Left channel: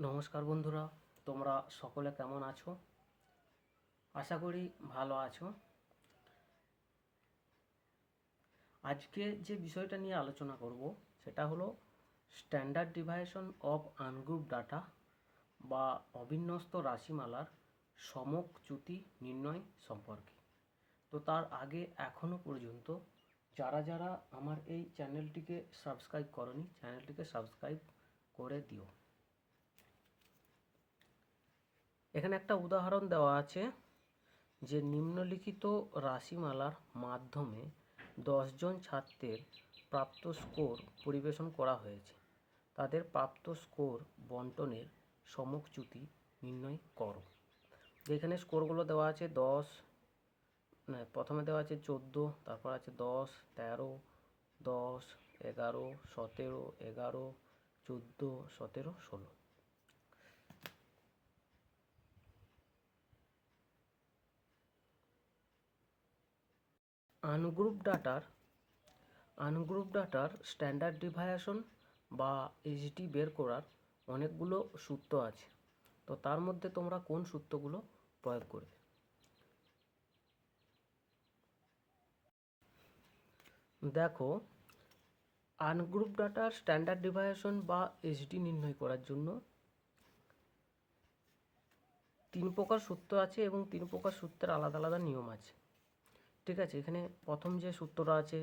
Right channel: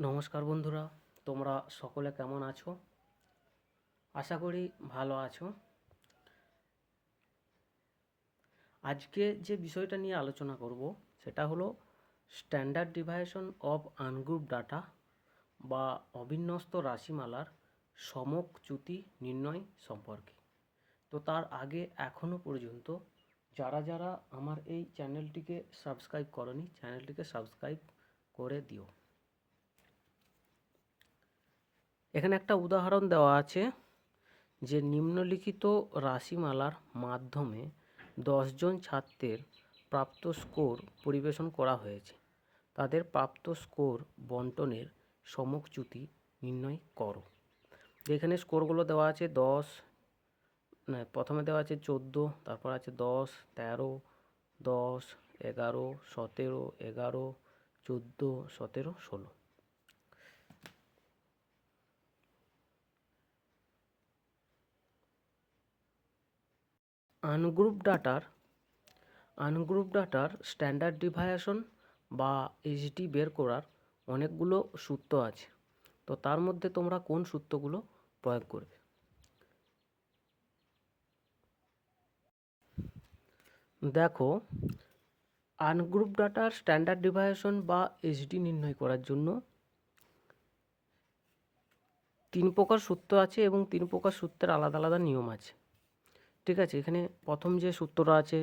নমস্কার বন্ধুরা, তোমরা সকলে কেমন আছো? আশা করি ভালো আছো। আজকে যে বিষয়টা নিয়ে আলোচনা করব, সেটা হলো standard deviation of ungroup data বা অবিন্যস্ত রাশিমালার সমক চ্যুতি নির্ণয় সম্পর্কে। তো তার আগে এখনও পর্যন্ত যারা যারা আমার এই চ্যানেলটিকে সাবস্ক্রাইব করনি চ্যানেলটিকে সাবস্ক্রাইব করে দিও। এখানে একটা উদাহরণ দেওয়া আছে যে নিম্নলিখিত রাশিমালার মাধ্যমে দশজন ছাত্রের প্রাপ্ত স্কোর পরিবেশন করা হয়েছে। তাদের প্রাপ্ত স্কোর বন্টনের সমকচ্যুতি নির্ণয় করো। এখানে স্কোরগুলো দেওয়া আছে দশ প্রথমে দেওয়া আছে চোদ্দ, তারপর আছে দশ, তেরো, দশ, এগারো, সতেরো, এগারো, চোদ্দ, সতেরো, ষোলো। আনগ্রুপ ডাটার আনগ্রুপ ডাটার স্ট্যান্ডার্ড ডিভাইয়েশন বা এইচডি বের করার অনেকগুলো সূত্র আছে। তো তার মধ্যে তোমরা কোন সূত্রগুলো প্রয়োগ করবে? দেখো, আনগ্রুপ ডাটার স্ট্যান্ডার্ড ডিভাইয়েশন বা এইচডি নির্ণয় করার জন্য তিন প্রকার সূত্র আছে এবং তিন প্রকার সূত্রের আলাদা আলাদা নিয়ম আছে। ঠিক আছে, এখানে প্রথম যে সূত্রটা আছে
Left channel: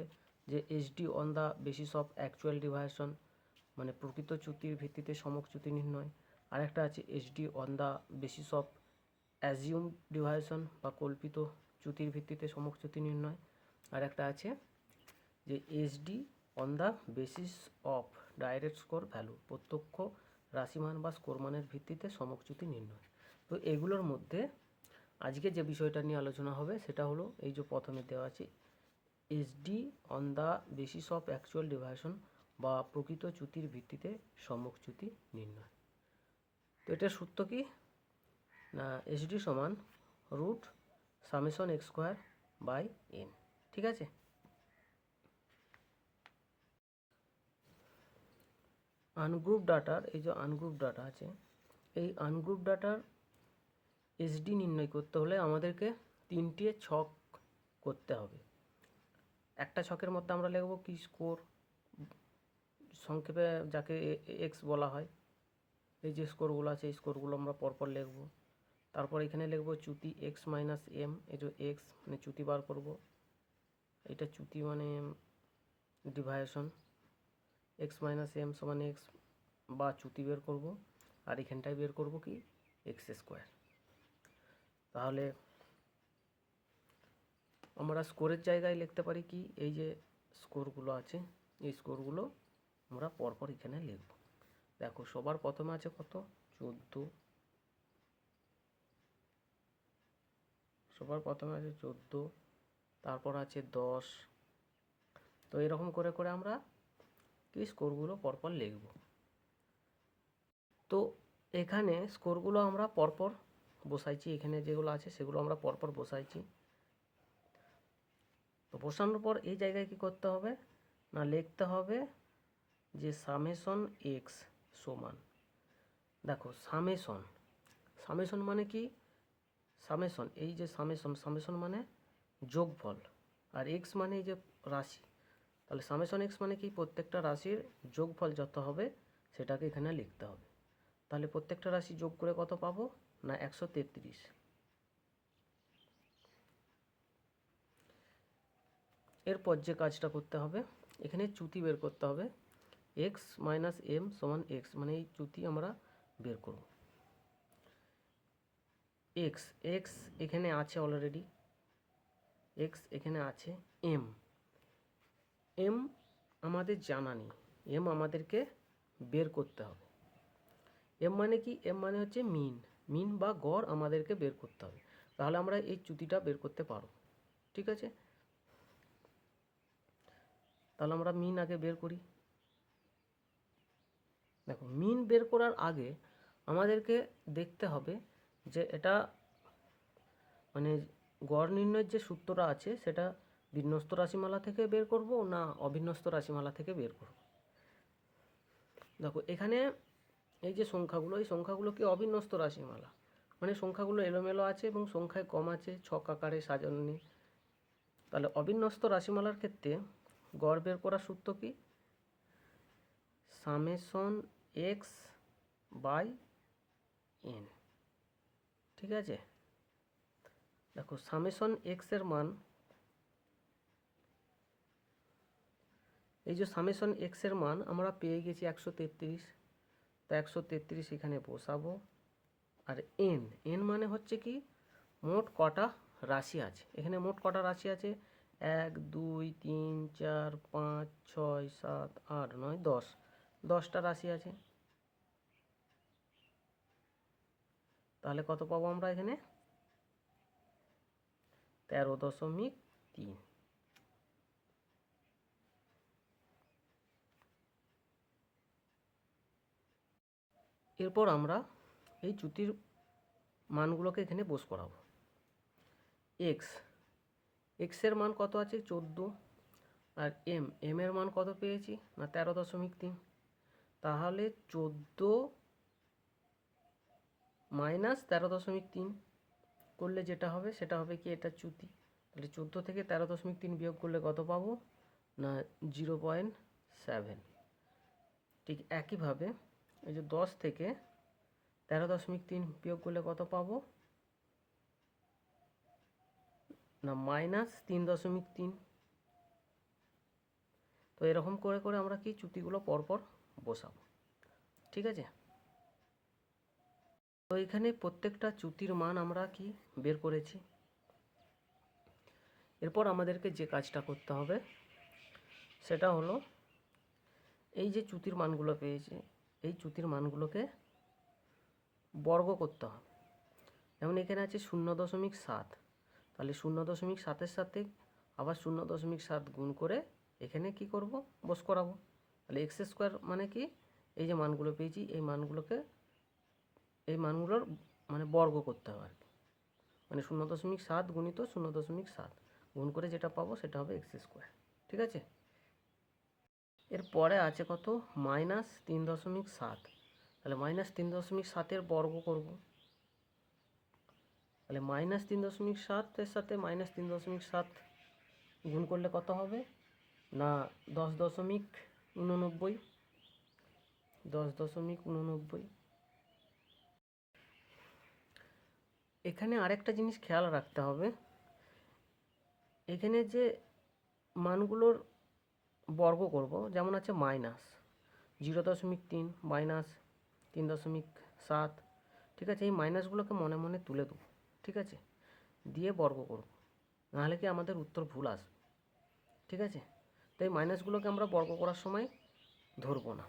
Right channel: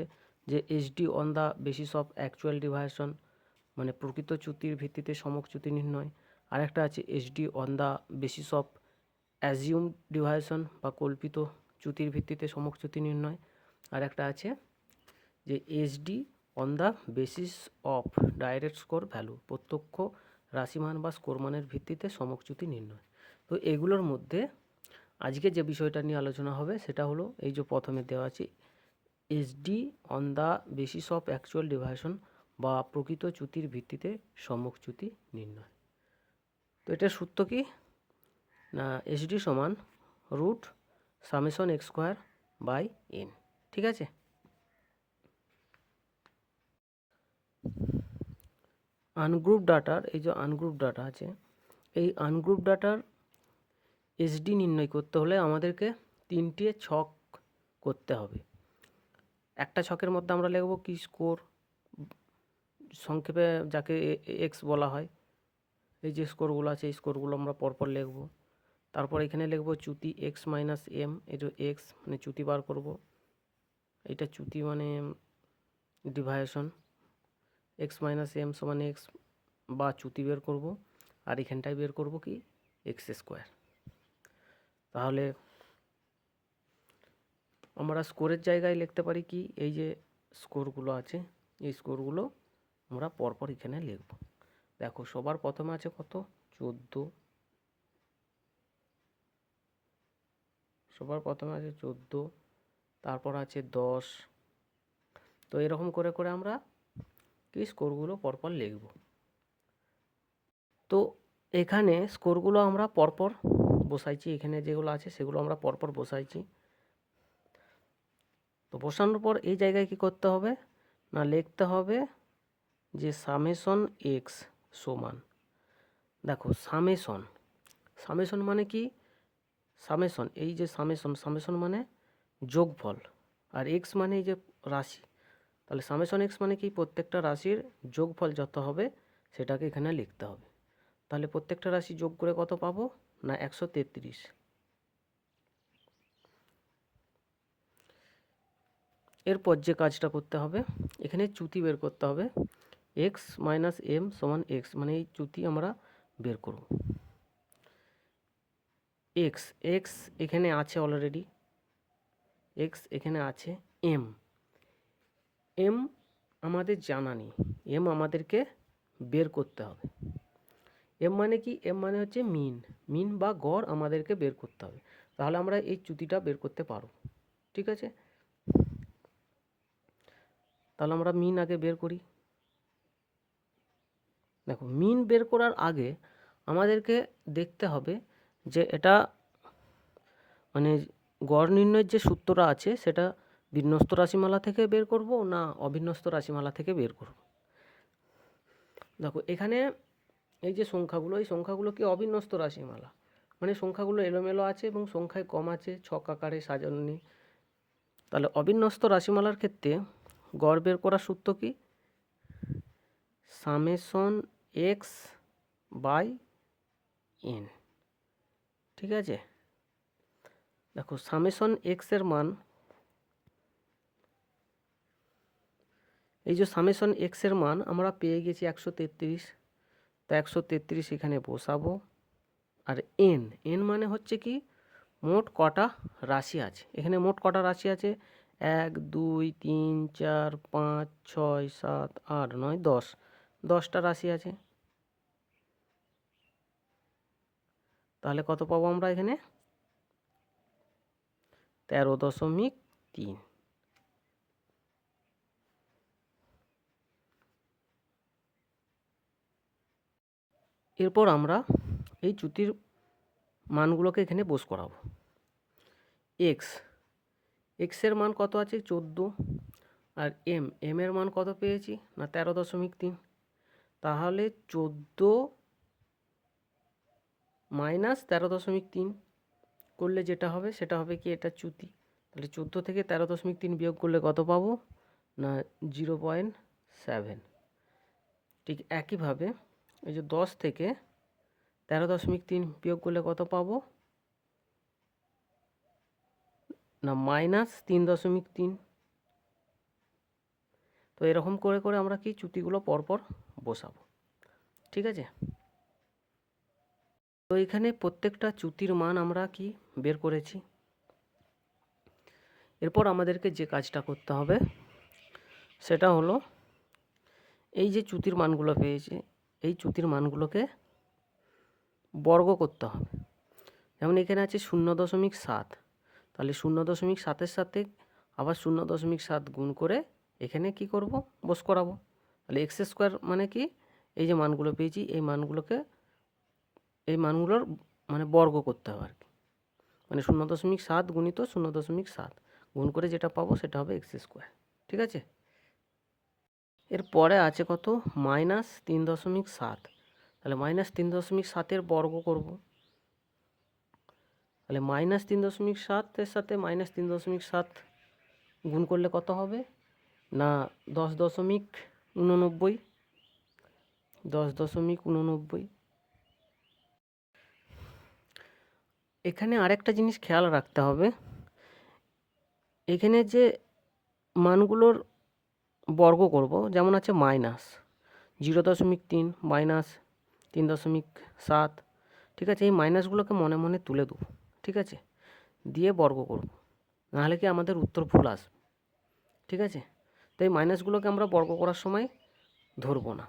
যে HD on the basis of actual deviation মানে প্রকৃত চ্যুতির ভিত্তিতে সমক চ্যুতি নির্ণয়। আরেকটা আছে HD on the basis of assume deviation বা কল্পিত চ্যুতির ভিত্তিতে সমক চ্যুতি নির্ণয়। আর একটা আছে যে HD on the basis of direct score value প্রত্যক্ষ রাশিমান বা স্কোর মানের ভিত্তিতে সমক চ্যুতি নির্ণয়। তো এগুলোর মধ্যে আজকে যে বিষয়টা নিয়ে আলোচনা হবে সেটা হলো এই যে প্রথমে দেওয়া আছে SD on the basis of actual deviation বা প্রকৃত চ্যুতির ভিত্তিতে সম্মুখ চ্যুতি নির্ণয়। তো এটার সূত্র কি? না এসডি সমান root summation x square by n ঠিক আছে? আনগ্রুপ ডাটার এই যে আনগ্রুপ ডাটা আছে, এই আনগ্রুপ ডাটার এসডি নির্ণয় করতে হলে আমাদেরকে তিনটে ছক করতে হবে। একটা ছকের মধ্যে আমরা লিখব কি স্কোর, সংক্ষেপে যাকে এক্স বলা হয়, এই যে স্কোরগুলো আছে, এই স্কোরগুলো আমরা পরপর লিখব। তারপর এখানে লিখব চ্যুতি এক্স মাইনাস এম এটা এক্স মানে চ্যুতি বার করব। এটা চ্যুতি মানে ডিভাইশন এক্স মাইনাস এম সমান এক্স বা চ্যুতি বের করব। আর এখানটায় বের করব কি? X square. তাহলে আমরা স্কোরের জায়গায় লিখতে পারি কি? এই যে স্কোরগুলো আছে, এই স্কোরগুলো আমরা পরপর এখানে লিখব। দেখো, সবার প্রথমে আছে কত? চোদ্দ। সবার প্রথমে আছে চোদ্দ, তারপর আছে দশ। তো এরকম করে করে আমরা কি স্কোরগুলো পরপর লিখব। তো এখানে স্কোরগুলো আমরা পরপর বসাইছি, এখানে যেগুলো আছে সেগুলো আমরা পরপর বসাইছি। তো বসানোর পর এই জায়গায় কি করতে হবে? না, লিখতে হবে যে সামেশন এক্স সমান। দেখো, সামেশন। সামেশন মানে কি? সামেশন, এই যে সামেশন সামেশন মানে যোগফল। আর এক্স মানে এই যে রাশি। তাহলে সামেশন এক্স মানে কি? প্রত্যেকটা রাশির যোগফল যত হবে সেটাকে এখানে লিখতে হবে। তাহলে প্রত্যেকটা রাশি যোগ করে কত পাবো? না, একশো তেত্রিশ। এরপর যে কাজটা করতে হবে, এখানে চ্যুতি বের করতে হবে। এক্স মাইনাস এম সমান এক্স মানে এই চ্যুতি আমরা বের করব। এক্স এক্স এখানে আছে অলরেডি এক্স এখানে আছে এম এম আমাদের জানা নেই। এম আমাদেরকে বের করতে হবে। এম মানে কি? এম মানে হচ্ছে মিন মিন বা গড় আমাদেরকে বের করতে হবে। তাহলে আমরা এই চ্যুতিটা বের করতে পারব। ঠিক আছে? তাহলে আমরা মিন আগে বের করি। দেখো মিন বের করার আগে আমাদেরকে দেখতে হবে যে এটা মানে গড় নির্ণয়ের যে সূত্রটা আছে, সেটা বিন্যস্ত রাশিমালা থেকে বের করব না অবিন্যস্ত রাশিমালা থেকে বের করব? দেখো, এখানে এই যে সংখ্যাগুলো, এই সংখ্যাগুলো কি অবিন্যস্ত রাশিমালা? মানে সংখ্যাগুলো এলোমেলো আছে এবং সংখ্যায় কম আছে, ছক আকারে সাজানো নেই তাহলে অবিন্যস্ত রাশিমালার ক্ষেত্রে গড় বের করার সূত্র কি? সামেশন এক্স বাই এন ঠিক আছে? দেখো, সামেশন এক্সের মান, এই যে সামেশন এক্সের মান আমরা পেয়ে গেছি একশো তেত্রিশ। একশো তেত্রিশ এখানে বসাবো। আর এন এন মানে হচ্ছে কি মোট কটা রাশি আছে। এখানে মোট কটা রাশি আছে? এক, দুই, তিন, চার, পাঁচ, ছয়, সাত, আট, নয়, দশ। দশটা রাশি আছে। তাহলে কত পাবো আমরা এখানে? তেরো দশমিক তিন। এরপর আমরা এই চ্যুতির মানগুলোকে এখানে বোস করাবো। এক্স এক্সের মান কত আছে? চোদ্দ। আর এম এম এর মান কত পেয়েছি? না, তেরো দশমিক তিন। তাহলে চোদ্দ মাইনাস তেরো দশমিক তিন করলে যেটা হবে, সেটা হবে কি? এটা চ্যুতি। তাহলে চোদ্দ থেকে তেরো দশমিক তিন বিয়োগ করলে কত পাবো? না, জিরো পয়েন্ট সেভেন। ঠিক একইভাবে এই যে দশ থেকে তেরো দশমিক তিন বিয়োগ করলে কত পাবো? না, মাইনাস তিন দশমিক তিন। তো এরকম করে করে আমরা কি চ্যুতিগুলো পরপর বসাবো। ঠিক আছে? তো এখানে প্রত্যেকটা চ্যুতির মান আমরা কি বের করেছি? এরপর আমাদেরকে যে কাজটা করতে হবে, সেটা হলো এই যে চুতির মানগুলো পেয়েছি এই চ্যুতির মানগুলোকে বর্গ করতে হবে। যেমন এখানে আছে শূন্য দশমিক সাত। তাহলে শূন্য দশমিক সাতের সাথে আবার শূন্য দশমিক সাত গুণ করে এখানে কি করব? বস করাবো। তাহলে এক্স স্কোয়ার মানে কি? এই যে মানগুলো পেয়েছি, এই মানগুলোকে, এই মানগুলোর মানে বর্গ করতে হবে আর কি। মানে শূন্য দশমিক সাত গুণিত শূন্য দশমিক সাত গুণ করে যেটা পাবো সেটা হবে এক্স স্কোয়ার। ঠিক আছে? এরপরে আছে কত? মাইনাস তিন দশমিক সাত। তাহলে মাইনাস তিন দশমিক সাতের বর্গ করব। তাহলে মাইনাস তিন দশমিক সাতের সাথে মাইনাস তিন দশমিক সাত গুণ করলে কত হবে? না, দশ দশমিক উননব্বই। দশ দশমিক উননব্বই। এখানে আরেকটা জিনিস খেয়াল রাখতে হবে। এখানে যে মানগুলোর বর্গ করব। যেমন আছে মাইনাস জিরো দশমিক তিন, মাইনাস তিন দশমিক সাত। ঠিক আছে? এই মাইনাসগুলোকে মনে মনে তুলে দেবো। ঠিক আছে? দিয়ে বর্গ করব। নাহলে কি আমাদের উত্তর ভুল আসবে। ঠিক আছে? তো এই মাইনাসগুলোকে আমরা বর্গ করার সময় ধরবো না।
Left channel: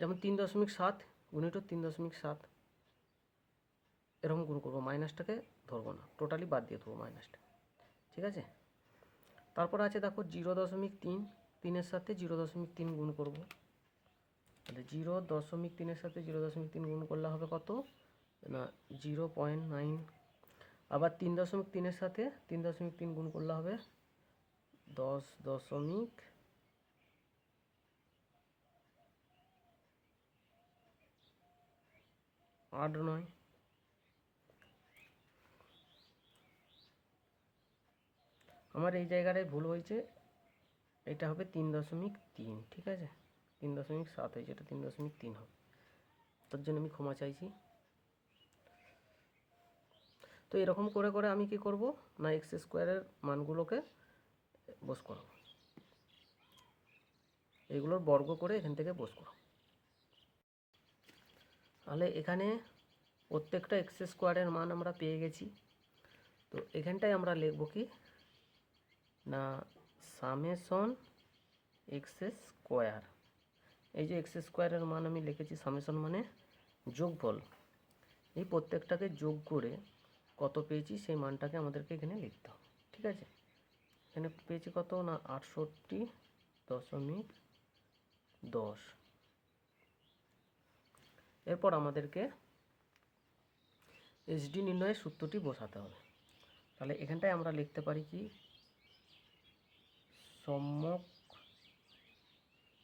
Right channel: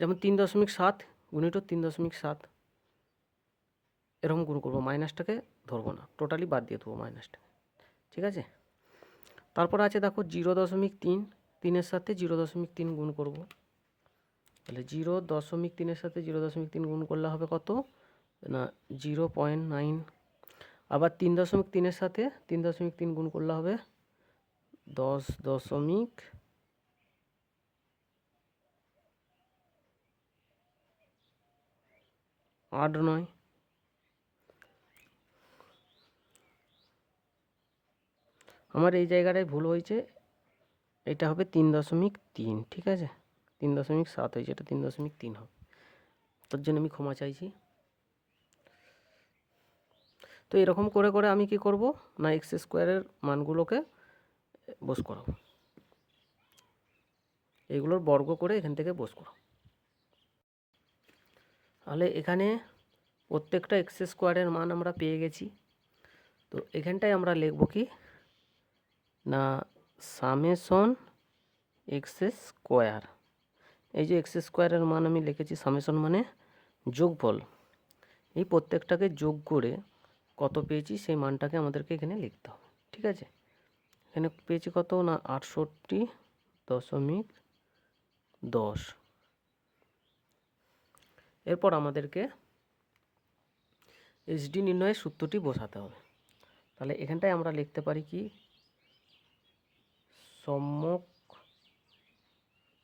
যেমন তিন দশমিক সাত গুণিত তিন দশমিক সাত। এরকম গুণ করব। মাইনাসটাকে ধরবো না। টোটালি বাদ দিয়ে দেবো মাইনাসটাকে ঠিক আছে? তারপর আছে দেখো জিরো দশমিক তিন, তিনের সাথে জিরো দশমিক তিন গুণ করব। তাহলে জিরো দশমিক তিনের সাথে জিরো দশমিক তিন গুণ করলে হবে কত? না, জিরো পয়েন্ট নাইন। আবার তিন দশমিক তিনের সাথে তিন দশমিক তিন গুণ করলে হবে দশ দশমিক আট নয়। আমার এই জায়গাটায় ভুল হয়েছে। এটা হবে তিন দশমিক তিন, ঠিক আছে? তিন দশমিক সাত হয়েছে, এটা তিন দশমিক তিন হবে। তার জন্য আমি ক্ষমা চাইছি। তো এরকম করে করে আমি কি করব? না এক্স স্কোয়ারের মানগুলোকে বস করাবো। এগুলোর বর্গ করে এখান থেকে বস করো তাহলে এখানে প্রত্যেকটা এক্স স্কোয়ারের মান আমরা পেয়ে গেছি। তো এখানটায় আমরা লিখব কি? না সামেশন এক্স স্কোয়ার। এই যে এক্স স্কোয়ারের মান আমি লিখেছি, সামেশন মানে যোগফল। এই প্রত্যেকটাকে যোগ করে কত পেয়েছি, সেই মানটাকে আমাদেরকে এখানে লিখতে হবে, ঠিক আছে? এখানে পেয়েছি কত না, আটষট্টি দশমিক দশ। এরপর আমাদেরকে এইচডি নির্ণয়ের সূত্রটি বসাতে হবে। তাহলে এখানটায় আমরা লিখতে পারি কি? সম্যক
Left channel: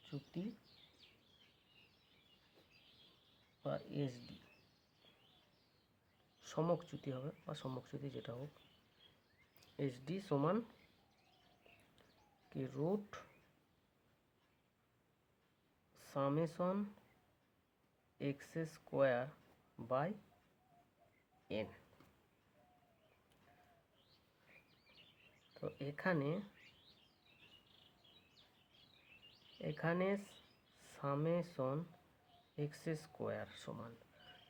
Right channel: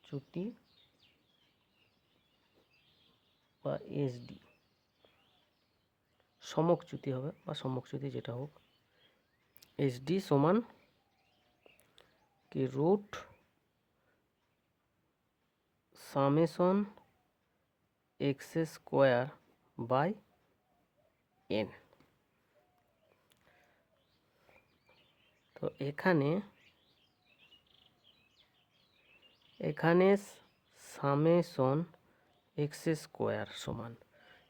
চ্যুতি বা এসডি সমকচ্যুতি হবে বা সমকচ্যুতি যেটা হোক। এসডি সমান কি root summation x square by n তো এখানে এখানে সামেশন এক্স স্কোয়ার সমান।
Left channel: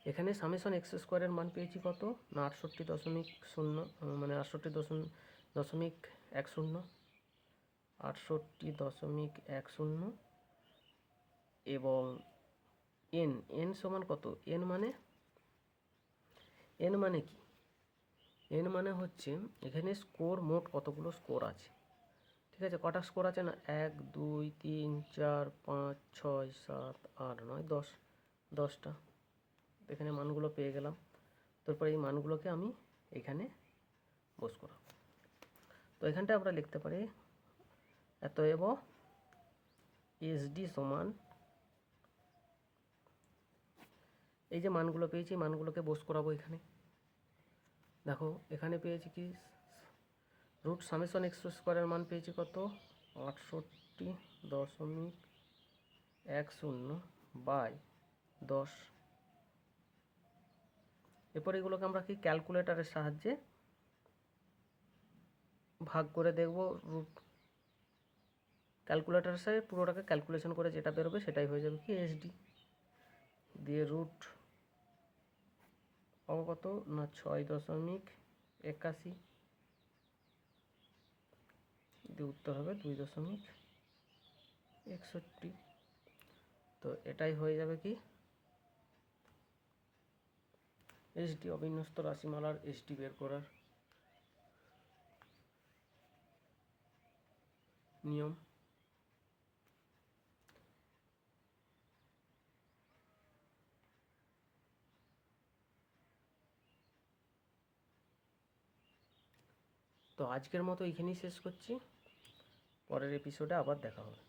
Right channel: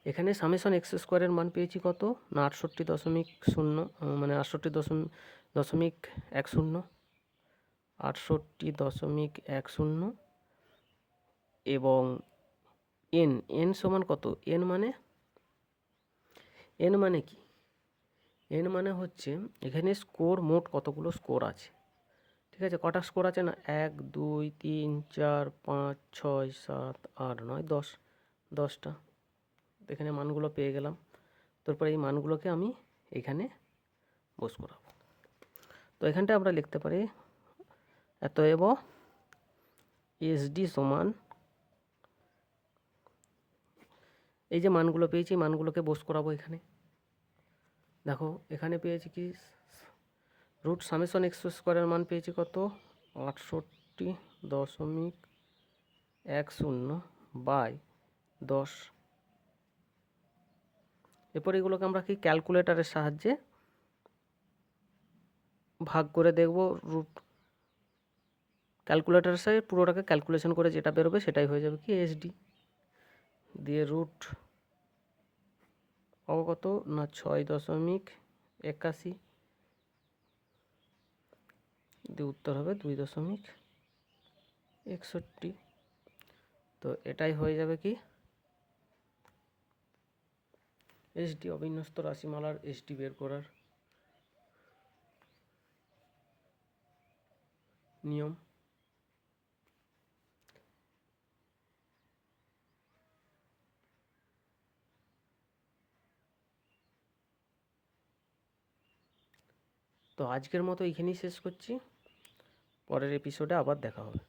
এখানে সামেশন এক্স স্কোয়ারের মান পেয়েছি কত? না, আটষট্টি দশমিক শূন্য মানে আটষট্টি দশমিক দশমিক এক শূন্য, আটষট্টি দশমিক এক শূন্য এবং এন এন সমান কত? এন মানে? এন মানে কি? এন মানে হচ্ছে এখানে স্কোর মোট কতগুলো স্কোর আছে? ঠিক আছে, কটা স্কোর আছে না? এক, দুই, তিন, চার, পাঁচ, ছয়, সাত, আট, নয়, দশ। দশটা। এখানে মানগুলো পেয়ে গেলাম। তারপরে এই মানগুলোকে আমি এখানে বস করাবো তো এখানটা আমরা লিখতে পারি এত এতএব এসডি সমান, এই যে মানগুলো পেয়েছি, মানগুলোকে বস করাবো এখানে। দেখো, এখানে পেয়েছি কি? রুট সামেশন এক্স স্কোয়ারের মান পেয়েছি কত? আটষট্টি দশমিক এক শূন্য বাই দশ। এরপর এগুলোকে আমরা কি ক্যালকুলেটরের সাহায্যে ভাগ করে দেখব? রুট ক্যালকুলেটরের সাহায্যে পুরোটাকে ক্যালকুলেশন করে যেটা বেরোবে সেটাই হয়ে যাবে কি এসডি দিয়ে রুট অবগত না ছয় দশমিক একাশি। দিয়ে উত্তর হবে দুই দশমিক একষট্টি। তো এটাই হয়ে যাবে কি? এসডি অবিন্যস্ত রাশিমালার এসডি বের করার নিয়ম। তো আজকের মতো এইখানেই শেষ করছি। পরের এপিসোডে আবার দেখা হবে।